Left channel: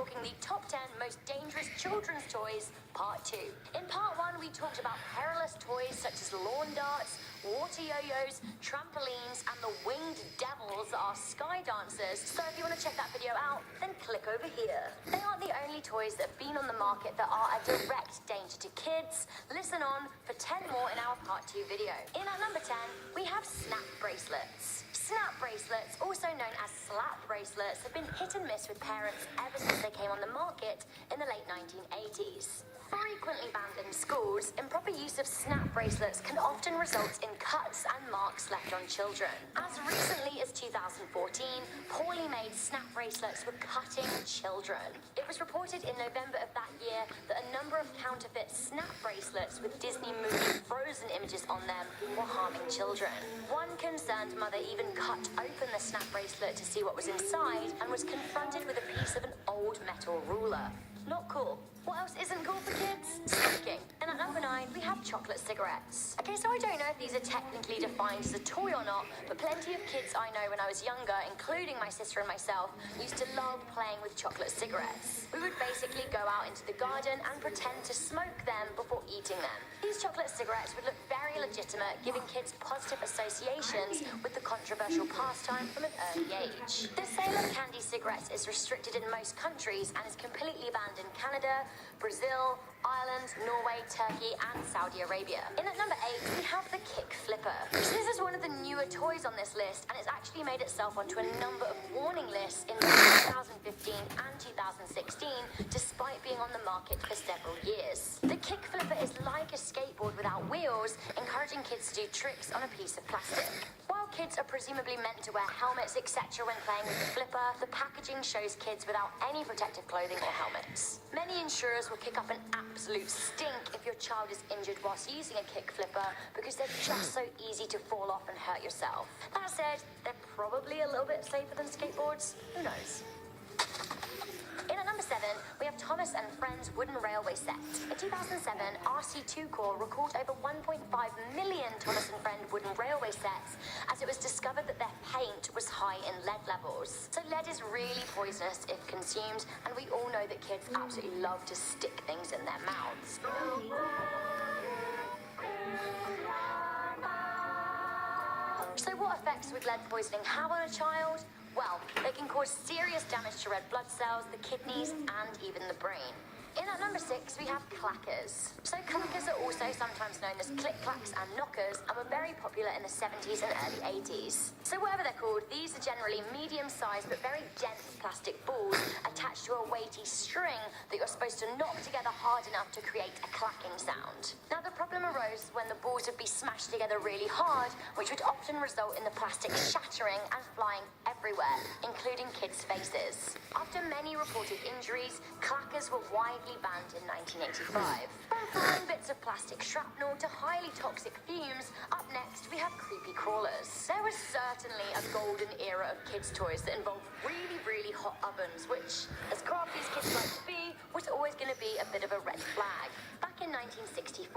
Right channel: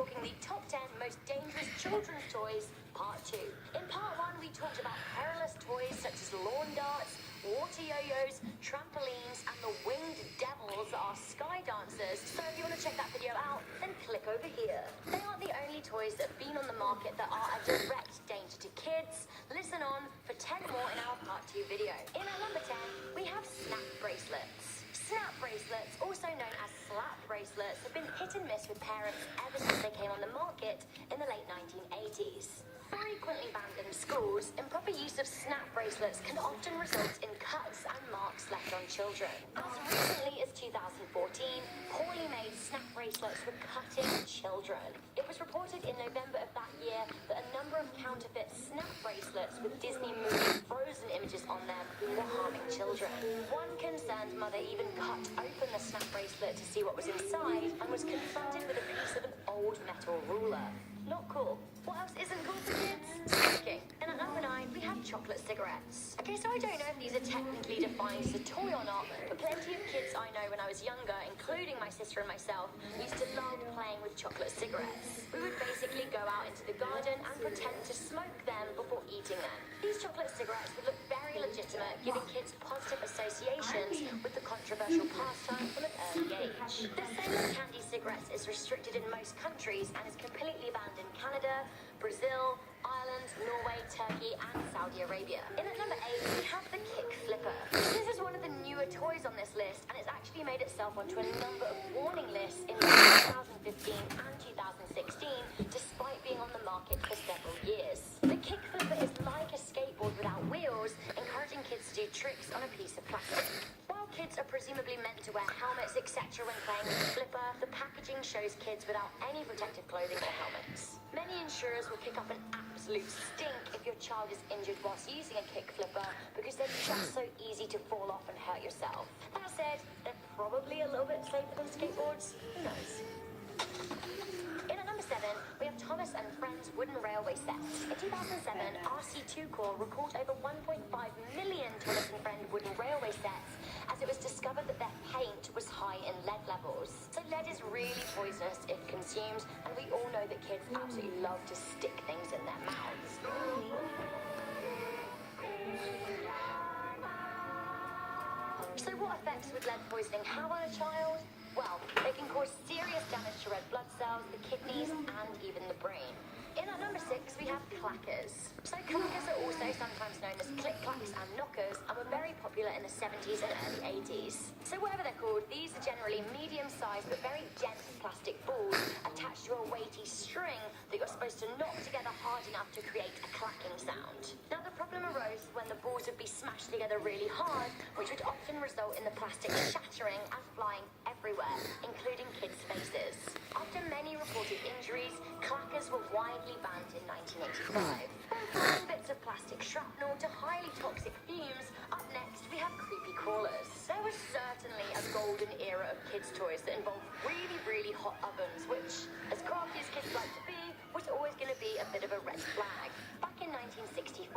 talking the top 10 most dangerous children's toys, part 2. In part 1, we talked about perilous toys such as lawn darts, water yo-yos, trampolines, and the winged devils that are sky dancers. So if you want to check that video out, then click over here. They aren't the only toys that have been on the market that are a direct danger to kids. Listen on for 10 more in our part 2 video. In at number 10, we have snap bracelets. Snap bracelets, also known as slap bracelets, have been hit and miss with parents ever since they came on the market in the late 1980s. Frequently banned in schools, improper use of snap bracelets can often result in cuts and marks left on children. As recently as 2014, poorly made snap bracelets were cutting children. It was reported in November of that year that a number of counterfeit snap bracelets with Disney movie Frozen images on them were harming children. One concerned mother even cut open the snap bracelet to see what was inside and was confronted with a piece of an old metal ruler. Not cool. What else isn't cool for kids? Smoking. And at number 9, we have chocolate cigarettes. Okay, so I don't know if these are technically defined as a toy or not, but plenty of kids I know when I was younger, including my sister and myself, used to love playing with chocolate cigarettes. We would basically go out into the garden and pretend to smoke them before eating them. These chocolate cigarettes would look very legitimate, giving kids positive associations with the controversial pastime from an early age. The sale of candy cigarettes is restricted in most countries and is completely banned in Canada, Brazil, Ireland, Norway, Turkey, and Saudi Arabia. In at number 8, we have the Kick Flipper. This is one of the newer toys on this list, and it's actually made itself onto a number of warning lists in 2015 and 2016, despite being on the market for several years. The Kick Flipper is like a skateboard without wheels, encouraging kids to do tricks on a piece of plastic. While kids are presumably meant to wear helmets, etc. when playing with the flipper, the packaging shows kids without any protective clothing or helmets. Many insurers will kick up an absolute stink if your child is injured whilst using a kick flipper because they're just so easy to fall off and hurt yourself. That said, they're probably a little bit safer than skateboards. Who knows? In at number 7, we have Thomas and Friends wooden railway set. In 2007, RC2 Corps recalled over 1.5 million Thomas and Friend wooden railway sets as it was discovered that their paint was high in lead levels. So lead is really poisonous if consumed, and we all know that kids absolutely love to stick things in their mouths. So what effects would lead poisoning have on a child? Well, they can cause serious damage to red blood cells, the kidneys, and even the brain. In at number 6, we have clackers. So clackers are also sometimes known as click-clacks and knockers and were very popular in the 70s and early 80s. So whatever they're called, these are generally medium-sized but very dense plastic balls attached to a weighty string that you're supposed to knock together hard enough to create a clacking sound. Now the problem arose when the balls would be smashed together really hard, which would often result in the plastic shattering and flying everywhere, including kids' faces. After many reported injuries, clackers were widely banned in 1985. From bits of plastic shrapnel to highly toxic fumes, up next we have creepy crawlers. There was certainly a golden era of kids' toys that involved really hot ovens, which, as crafty as kids like to be, was always going to be a bit of a red flag. Back in 1964,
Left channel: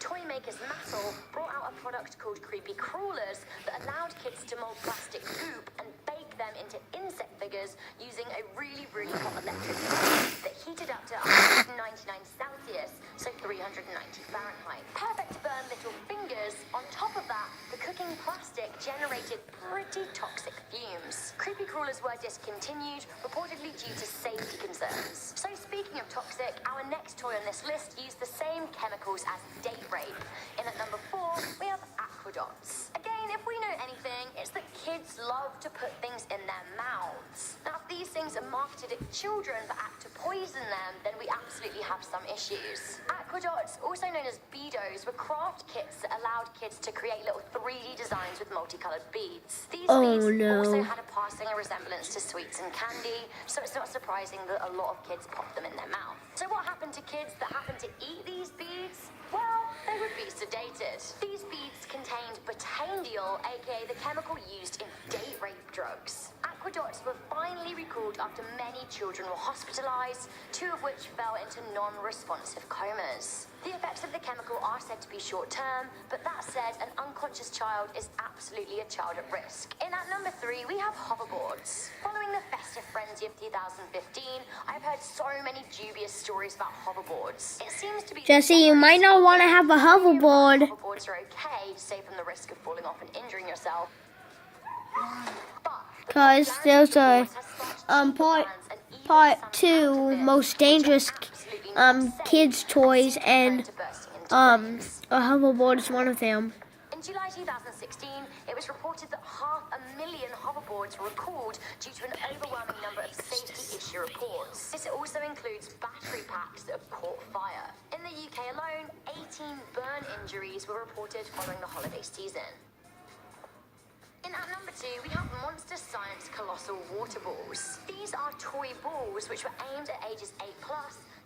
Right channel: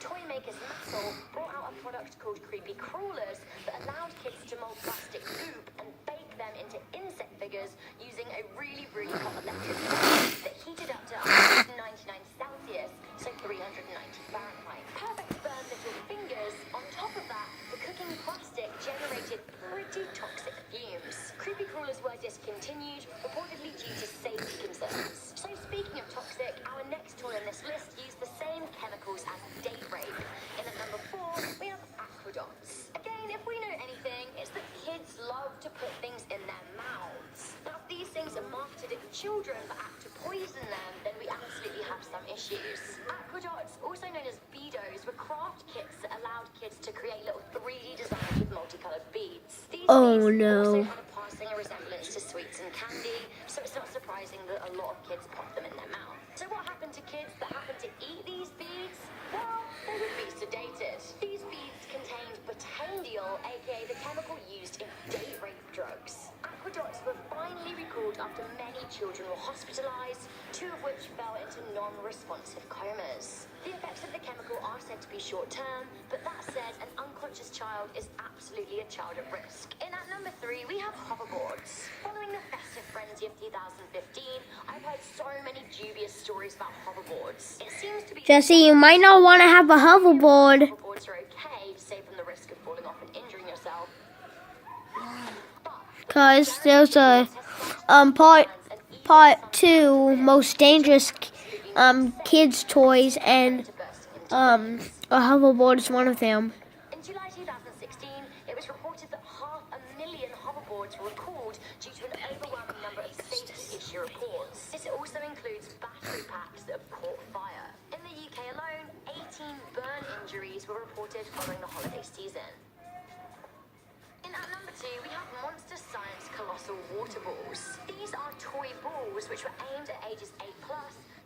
toy makers Mattel brought out a product called creepy crawlers that allowed kids to mold plastic goop and bake them into insect figures using a really hot electric heat that heated up to 199 Celsius, so 390 Fahrenheit. Perfect to burn little fingers. On top of that, the cooking plastic generated pretty toxic fumes. Creepy crawlers were discontinued, reportedly due to safety concerns. So speaking of toxic, our next toy on this list used the same chemicals as date rape. In at number 4, we have aquadots. Again, if we know anything, it's that kids love to put things in their mouths. Now, if these things are marketed at children but act to poison them, then we absolutely have some issues. Aquadots, also known as beados, were craft kits that allowed kids to create little 3D designs with multicolored beads. These beads also had a passing resemblance to sweets and candy, so it's not surprising that a lot of kids pop them in their mouth. So what happened to kids that happened to eat these beads? Well, they would be sedated. These beads contained butanediol, aka the chemical used in date rape drugs. Aquadots were finally recalled after many children were hospitalized, 2 of which fell into non-responsive comas. The effects of the chemical are said to be short-term, but that said, an unconscious child is absolutely a child at risk. In at number 3, we have hoverboards. Following the festive frenzy 30th, 2015, I've heard so many dubious stories about hoverboards. It seems to be Jesse, you might not want to have a hoverboard. hoverboards are okay to save from the risk of falling off and injuring yourself. Because there's a part 2 most dangerous kids toys, and a hoverboard is one of them. In July 2016, it was reported that 500,000 hoverboards were recalled due to an overwhelming number of safety issue reports. This also includes battery packs that have caught fire. In the UK alone, 18 burn injuries were reported following the holiday season. In at number 2, we have Monster Science Colossal Water Balls. These are toy balls which were aimed at ages 8+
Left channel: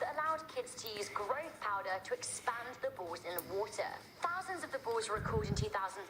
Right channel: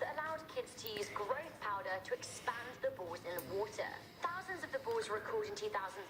that allowed kids to use growth powder to expand the balls in the water. Thousands of the balls were recalled in 2013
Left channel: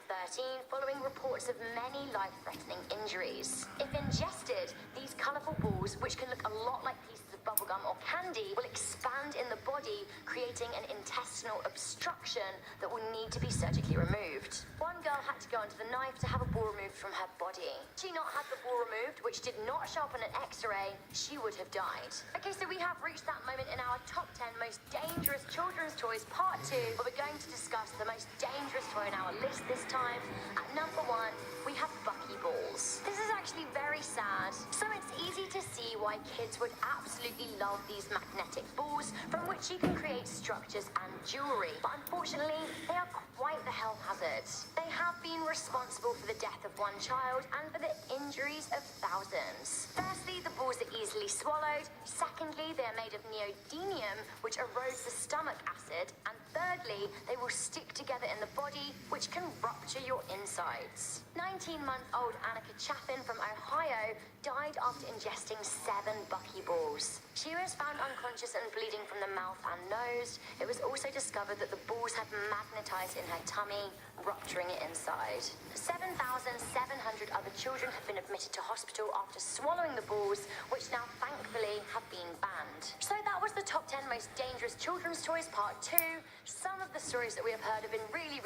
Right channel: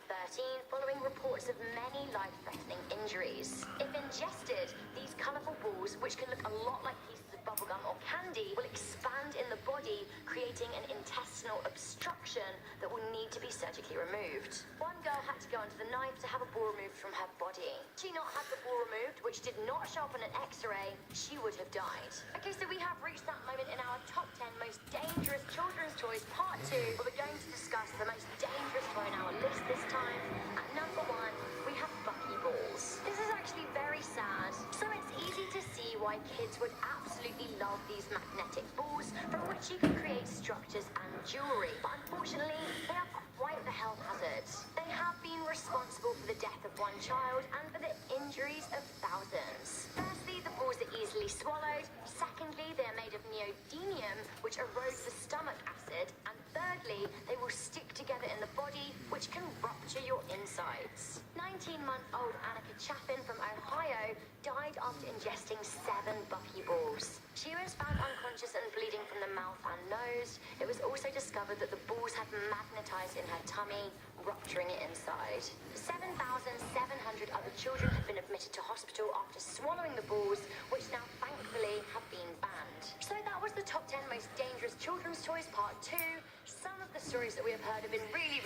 following reports of many life-threatening injuries. If ingested, these colourful balls, which can look a lot like pieces of bubblegum or candy, will expand in the body, creating an intestinal obstruction that will need to be surgically removed. One girl had to go under the knife to have a ball removed from her body. Had she not had the ball removed, which did not show up on an X-ray, she would have died. Okay, so we have reached that moment in our top 10 most dangerous children's toys part 2, where we're going to discuss the most dangerous toy on our list this time. At number 1, we have Buckyballs. This is actually very sad. So it's easy to see why kids would absolutely love these magnetic balls from which you can create structures and jewelry. But unfortunately, they are quite the health hazard. They have been responsible for the death of one child and for the injuries of thousands. Firstly, the balls are easily swallowed. Secondly, they are made of neodymium, which erodes the stomach acid. And thirdly, they will stick together in the body, which can rupture your insides. 19-month-old Annika Chaffin from Ohio died after ingesting 7 Buckyballs. She was found unconscious and bleeding from the mouth and nose. It was also discovered that the balls had magnetized in her tummy, rupturing it inside. 7,700 other children have been admitted to hospital after swallowing the balls, which now thankfully have been banned. So that was the top 10 most dangerous children's toys part 2. Some of the stories that we have heard have been really